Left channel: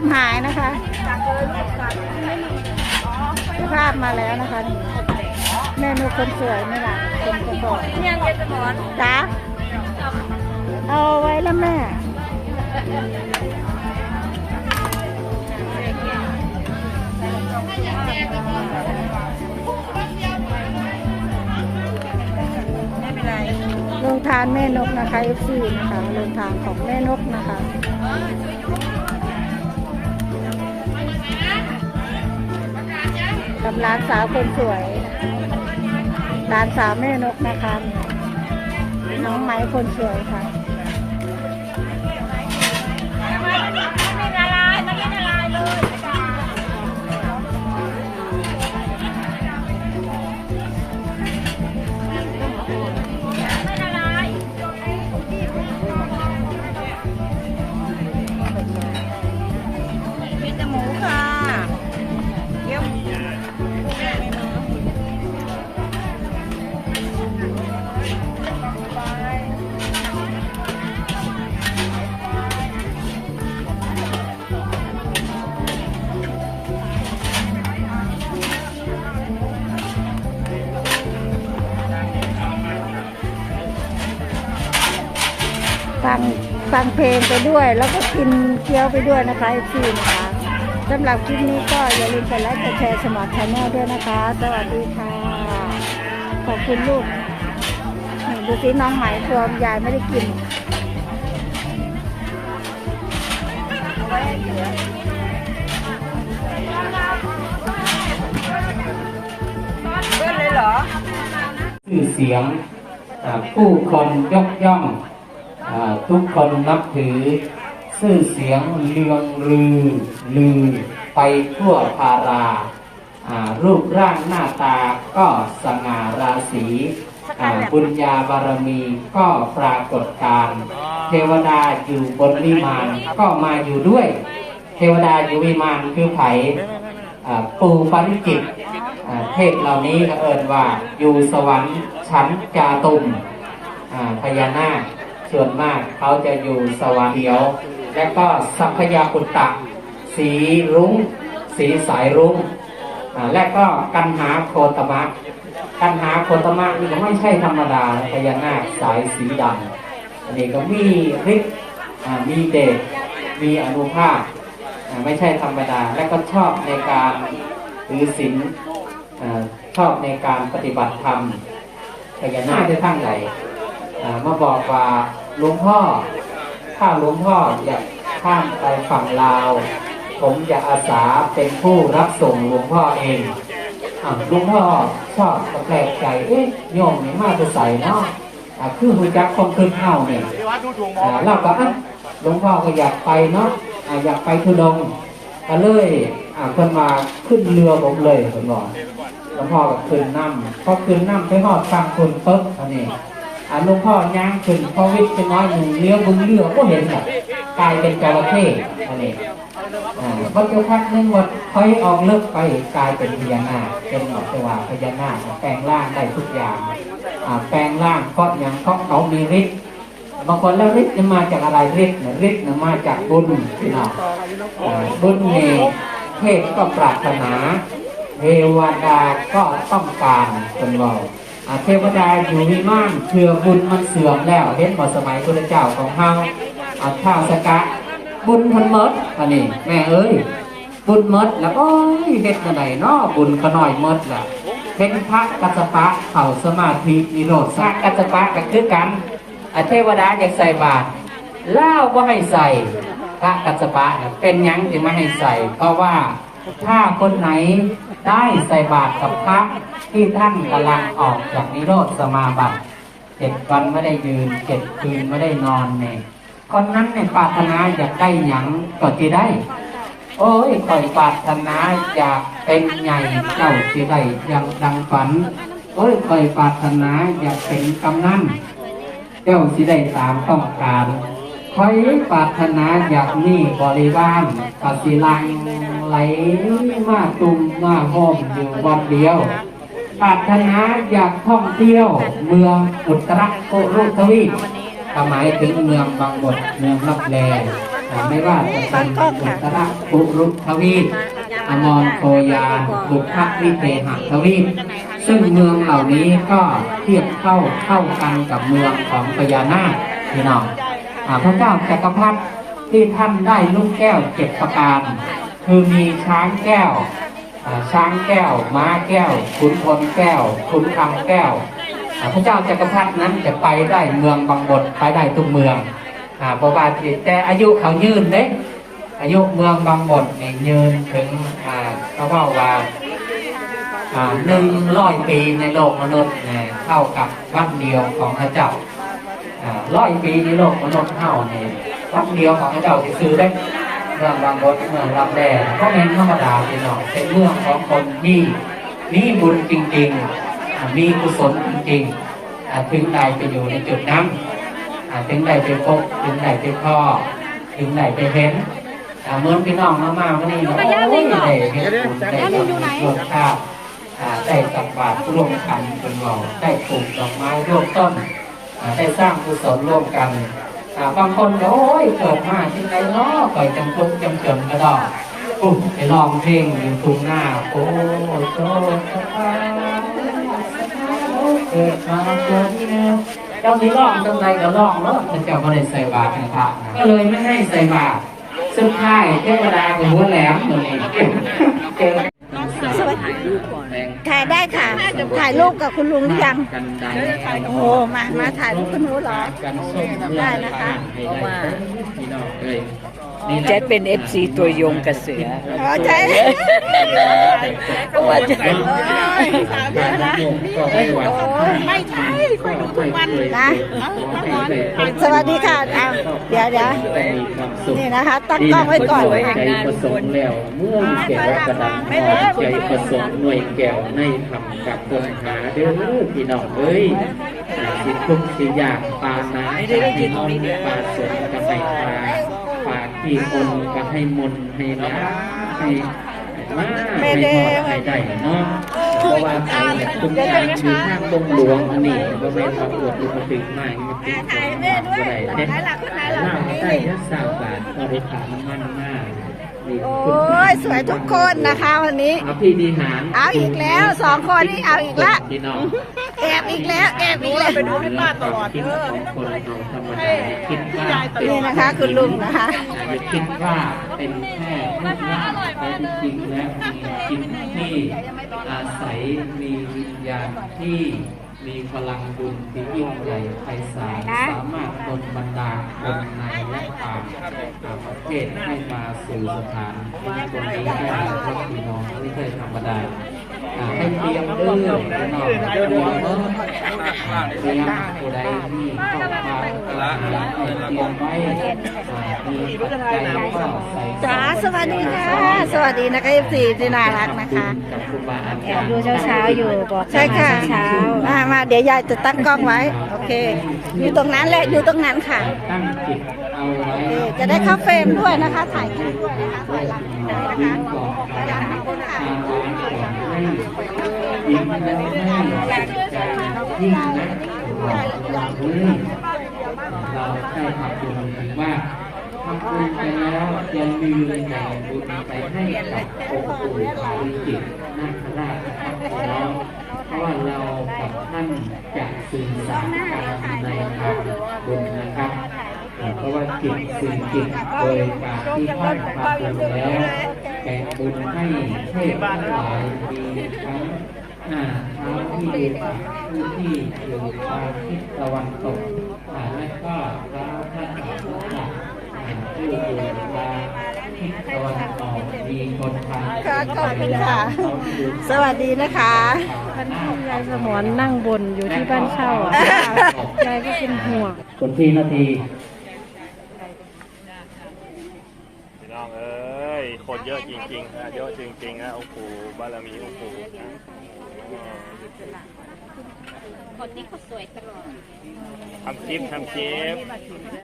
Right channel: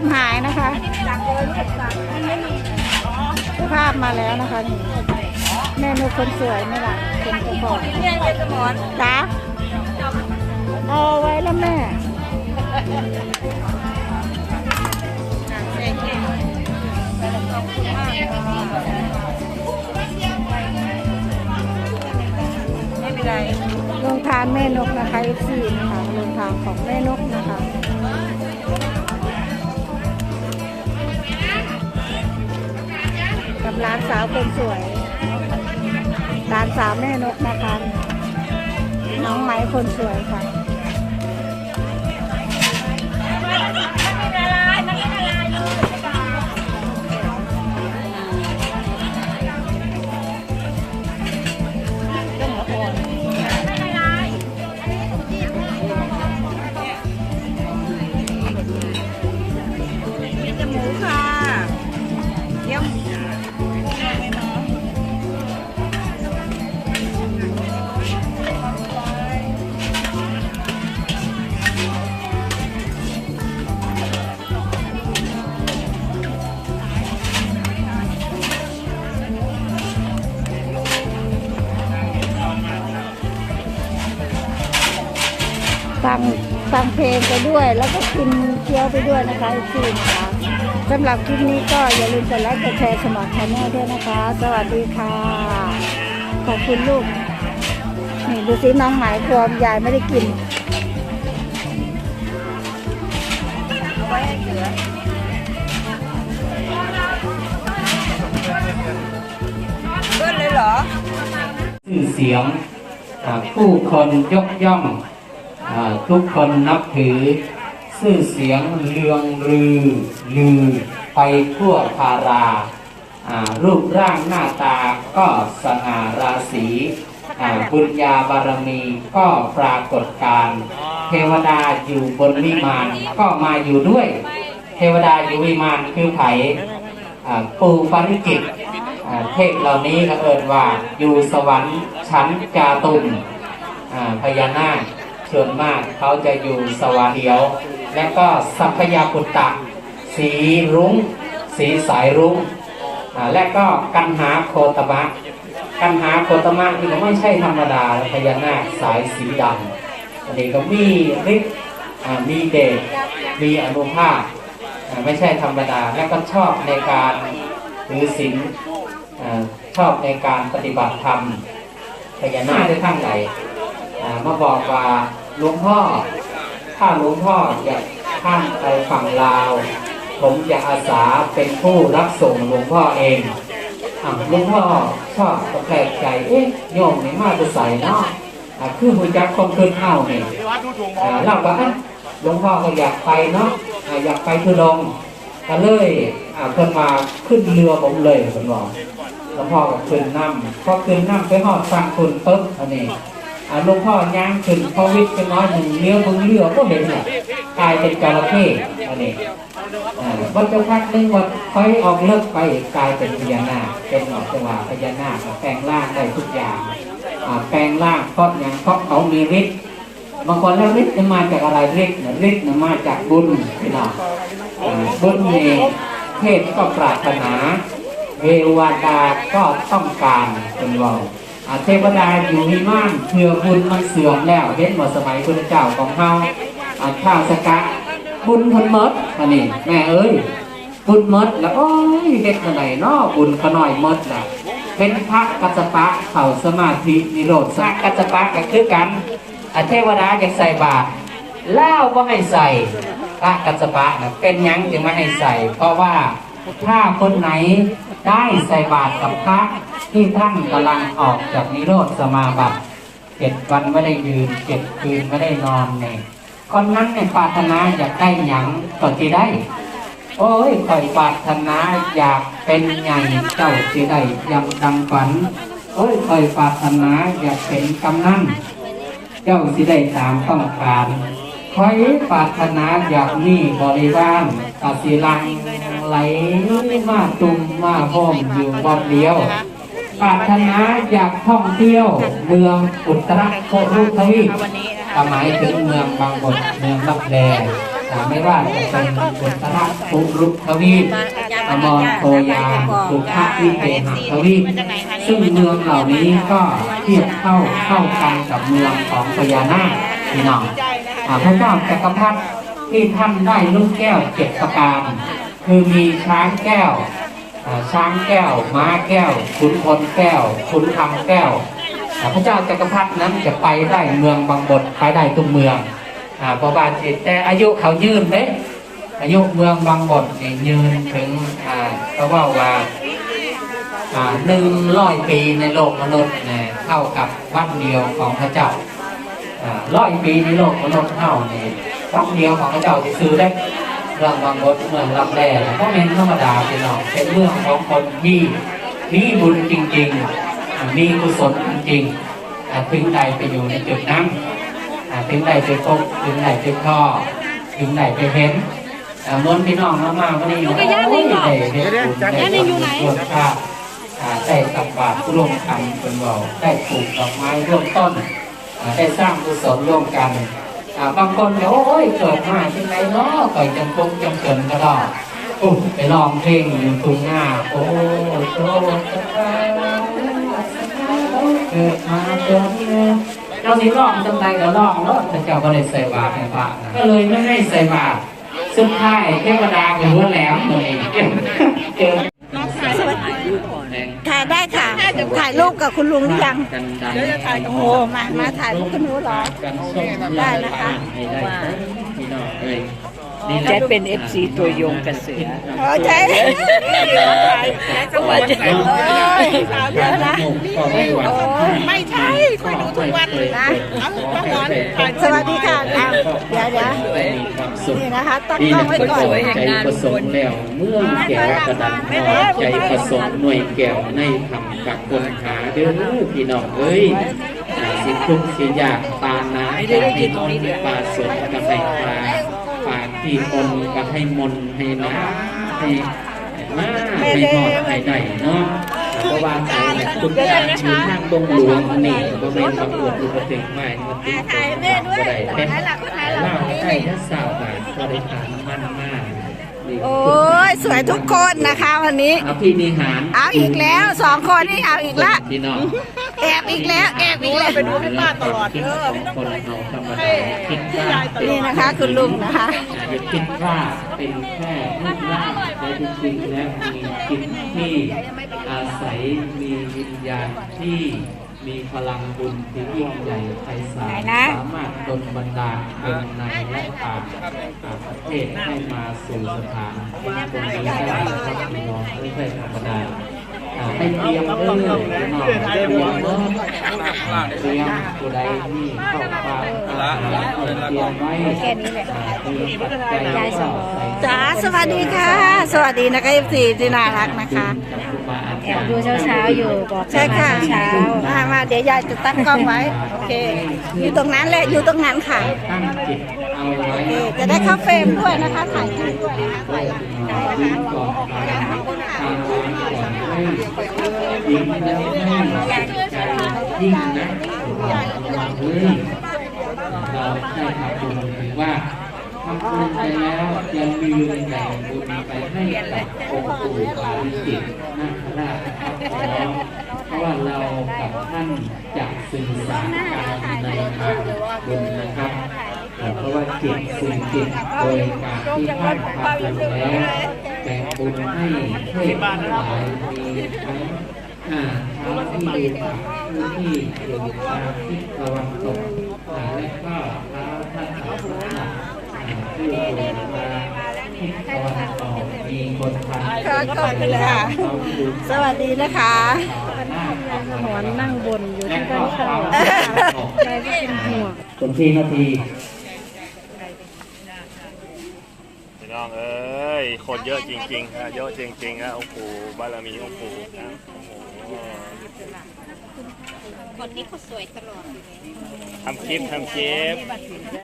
เจ้าภาพหายนะคะเจ้าภาพมาแล้วนะคะนี่แม่นกคนสวยไม่หลังเป็นเจ้าของเนี่ยเจสมอนจ้าเอาไว้แล้วแม่ขอบคุณมากค่ะไม่เป็นไรลงทานแม่นกนะคะ FC นะคะลงทานของแม่นกนะคะ กับร้านสาวคนสวยร้านสาวแม่นกนะคะ น้องไม้คนสวยค่ะ ฟังฟังเพลงไปด้วย แล้วก็กินเกี๊ยวไปด้วยนะคะ FC นะคะสำหรับคลิปนี้ก็อย่าลืมกดไลค์กดแชร์สมัครชาแนลด้วยนะคะ สวัสดีค่ะ ขอบคุณลูกนี่ดูสิน้องไหมพวมยายไม่ได้กินเอาไว้ให้เสือเบิ้ลเลยเหรอชื่อเสียงอ่าผู้คนยกย่องอา ทุกคนนับถือชื่อเสียงเลืองลือ ลือไปทั่วพารา รูปร่างหน้าตาก็สง่าราศีบุญญาบารมีก็ปรากฏการ เทวดาอยู่บนวิมานก็มาอยู่ด้วย เทวดาอยู่วิมานคือไผ่ปูปาริจิตเทพเหล่านี้ก็เอินว่าอยู่สวรรค์ชั้นจาตุมอ่าพญานาค ส่วนมากเขาจะอยู่สวรรค์เดียว และก็สัพยาปุตตะ สีรุ้ง สีสายรุ้งและก็กันหาโคตมะกันหาโคตมะนี่ก็ไม่ใช่ธรรมดาพญานาคสายสีดำอันนี้ก็มีฤทธิ์มีเดชมีอนุภาพอ่าไม่ใช่ธรรมดา และก็ชอบในการถือศีลอ่าชอบในการปฏิบัติธรรมพญานาคได้ทั้งไหนอ่า มาบอกว่าหลวงพ่อ ถ้าหลวงพ่ออยากข้ามไปฝั่งลาว ผมจะอาสาเป็นผู้รับส่งหลวงพ่อเองหลวงพ่อชอบกระแทกใจเอ๊ะโยมนี่มาจะใส่เนาะคือหูจักคงขึ้นเอ้าเนี่ยอ่าเราก็หลวงพ่อก็อยากไปเนาะอ่าอยากไปทุดงก็เลยขึ้นมาขึ้นเรือผมเลยผมบอกหลวงพ่อก็ขึ้นน้ำพอขึ้นน้ำไปหอดฟังคนต๊บอันนี้ หลวงพ่อย่างขึ้นพอวิทย์เป็นน้อยหนึ่งเลี้ยวตรงเรือก็เห็นเนี่ยกลายเป็นจระเข้อันนี้อ่าพอจะพักหนึงวัดค่อยออกเลิกไปกลายเป็นพญานาคเป็นแบบว่าพญานาคแปลงร่างได้ทุกอย่างแปลงร่างเพราะอย่างเพราะเขามีฤทธิ์บางคนแล้วฤทธิ์จะมาจากอะไรฤทธิ์เนี่ยฤทธิ์นมาจากบุญพี่น้องบุญเนี่ยเทพก็ปรารถนาเทวดาก็ต้องการเป็นเราอ่า เทวดาอยู่วิมานเพื่อบุญมันเสื่อมแล้วเห็นหมดสมัยพระเจ้าของเขาอาข้าวสกะบุญคนเมดอันนี้แม่เอ้ยบุญเมดแล้วโอ้ยเฮ็ดอะไรเนาะบุญขน้อยเมดแหละเป็นพระกัสสปะเข่าสมาธินิโรธสักกัสสปะกันคือกันอาเทวดาอยากใส่บาตรเล่าวก็ให้ใส่พระกัสสปะเป็นยังจะไม่ให้ใส่ เพราะว่า ถ้าคนไหนได้ใส่บาตรกับพระที่ท่านกำลังออกจากนิโรธสมาบัติเจ็ดวันไม่ได้ยืนเจ็ดคืนไม่ได้นอนเนี่ยคนนั้นในปรารถนาอยากได้หยังก็ที่ได้ โอ้ยคอยปรารถนาอยากเป็นใหญ่เจ้าที่ได้ยังดังฝัน โอ้ยคอยปรารถนาอยากเป็นกำนันเจ้าสิได้ตามต้องการ คอยปรารถนาอยากมีบริวารปสิลังไหลมาตุมมาห้อมอยู่วันเดียวปรารถนาอยากท่องเที่ยว เมืองอุตรโครุทวีปหมายถึงเมืองบางบทเมืองลับแลอ่ไม่ว่าจะเป็นอุตระปุรุทวีปอมรโคยาปุพวิเทหทวีปซึ่งเมืองเหล่านี้ก็เทียบเข้าเข้ากันกับเมืองของพญานาคพี่น้อง พระเจ้าจักรพรรดิที่ท่านได้ลูกแก้วเจ็ดประการ คือมีช้างแก้วช้างแก้ว ม้าแก้ว ขุนพลแก้ว ขุนคำแก้ว พระเจ้าจักรพรรดินั้นจะไปได้เมืองบางบทไปได้ทุกเมืองอ่าเพราะว่าจิตแต่อายุเขายืนเด้อายุเมืองบางบทเนี่ยยืนถึงเขาว่าว่าหนึ่งร้อยปีในโลกมนุษย์เนี่ยเท่ากับวันเดียวของพระเจ้า ร้อยปีในโลกมนุษย์เท่าเนี่ยวันเดียวของพระเจ้าจะซื้อได้เมืองบางบดเมืองลำแดก็เป็นธรรมดาพี่น้องเป็นเมืองของคนมีมีบุญจริงๆ มีกุศลจริงๆถึงได้ไปอยู่ในจุดนั้นถึงได้ไปพบถึงได้ไปพ่อถึงได้ไปเห็นเมือพี่น้องเรามาวันนี้โอ้ยได้เห็นบุญได้ทำบุญรวมข้าวได้ตักบาตรร่วมกันเป็นเบาได้ปลูกดอกไม้ร่วมต้น ได้สร้างกุศลร่วมกันบางคนก็โอ้ยเกิดมาที่ไหนเนาะก่อยจำตุกจำจนก็ได้อุ๊ยไปลองเพลงอยู่ตรงหน้า โอ้โชคชะตาเกิดมาเกิดนี่นะเจ้านี้ร้องจังไรก็ร้องแล้วแต่เจ้าก็ได้ใส่บาตรในพระนะก็เลยไม่ให้ใส่บาตรสุดท้ายเทวดาก็รู้แหลมเลยเจอ สวัสดีถ่ายได้ค่ะ ถ่ายรูปกับคุณลุงหรือยัง โอ้โห มา มาถ่ายรูปคุณหนูเหรอ ได้นะคะ ให้ได้พี่น้องเอ้ยแกเป็นเอฟซีตัวยงกระเสืออ๋อใช่โอ้ยเยอะนะโอ้ยไม่ใช่ไปดูทุกวันนะสวัสดีค่ะอะเดี๋ยวเดี๋ยวนี่นะคะตั้งกล้องไว้ก่อนใจประสงค์แล้วเมื่อแก้วกระดับใจประสงค์หน่วยแก้วในทำกักเกินขาเด้อพี่น้องเอ้ยสิทุกสิยากตาหนาปาสมกระใส่ตาปากที่ คนก็ให้มนให้หนาให้มาให้หอดให้ได้เนาะเพราะว่าเขาเนี่ยคุณตามอยู่ทางดงหลวงนี่ก็เป็นมาเกิดอุบัติเหตุใหม่มาติดถ่ายแม่ด้วยถ่ายหลักก็ถ่ายหลักล่าตรงนี้ได้นี่ถ้าสาวบาทบริการมันมากนี่โอ้ยสวยทุกคนนะคะวันนี้อภินิหาร เอาอีกแล้วสองคนนี่เอาอีกละพี่น้อง แอบอีกแล้วแอบอีกแล้วไปดูให้ป้าตลอดเออคนเราธรรมดาคิดว่านี่นะคะ คุณลุงนะคะอย่าคิดว่าเป็นแค่รูปร่างแต่จริงๆแล้วมีจิตที่อาศัยมีวิญญาณที่มีพลังบุญที่ยิ่งใหญ่ไพศาลสามารถดลบันดาลคนในและต่างประเทศให้มาสู่สถานตรงนี้ได้ไม่ใช่ธรรมดา อ่าให้เตรียมเรื่องเรียมเรื่องเตรียมผู้ใดที่เข้ามาเตรียมไว้มีปัจจัยก็ใส่จ๋าสวัสดีค่ะ สวัสดีนะคะเอฟซีที่น่ารักนะคะแอบดูเช้าๆอยู่บอกใช่ค่ะเช้ามามาเดี๋ยวยายจะตั้งกล้องไว้โอเค อยู่ตรงนั้นแหละอยู่ตรงนั้นค่ะโอเคจะได้เข้าเฟรมด้วยนะคะถ่ายคลิปด้วยนะคะ เราเรื่องเราได้ทำบุญถึงว่าทำบุญไปแล้วเรามีลืมแบ่งบุญไปให้กับองค์ปู่ปาริจิตนาคราชครับแล้วเพราะว่าเรากับท่านจะสื่อสารกันในทางบุญนะครับเพราะว่าจิตสื่อจิตโดยการที่ท่านทำบุญแล้ว แต่งบุญให้เทพทั้งหลายมีทั้งอ่าทั้งที่อยู่ทางพื้นที่อยู่ทางทิศตะวันตกอ่าและก็แล้วท่านทั้งหลายอ่าที่อยู่ทางทิศตะวันออกมีคนทางค่ะขอบคุณค่ะ สวัสดีนะคะหอนนั่งบนอยู่ที่บ้านเช่าใจก็เป็นห่วงคนที่นาที พี่น้องเอ้ย คนเยอะ จริงๆฮะเยอะจริงๆฮะโอ้โหบารมีโอ้โหคนนี้เขาสวยตลอดทำคลิปทำคลิป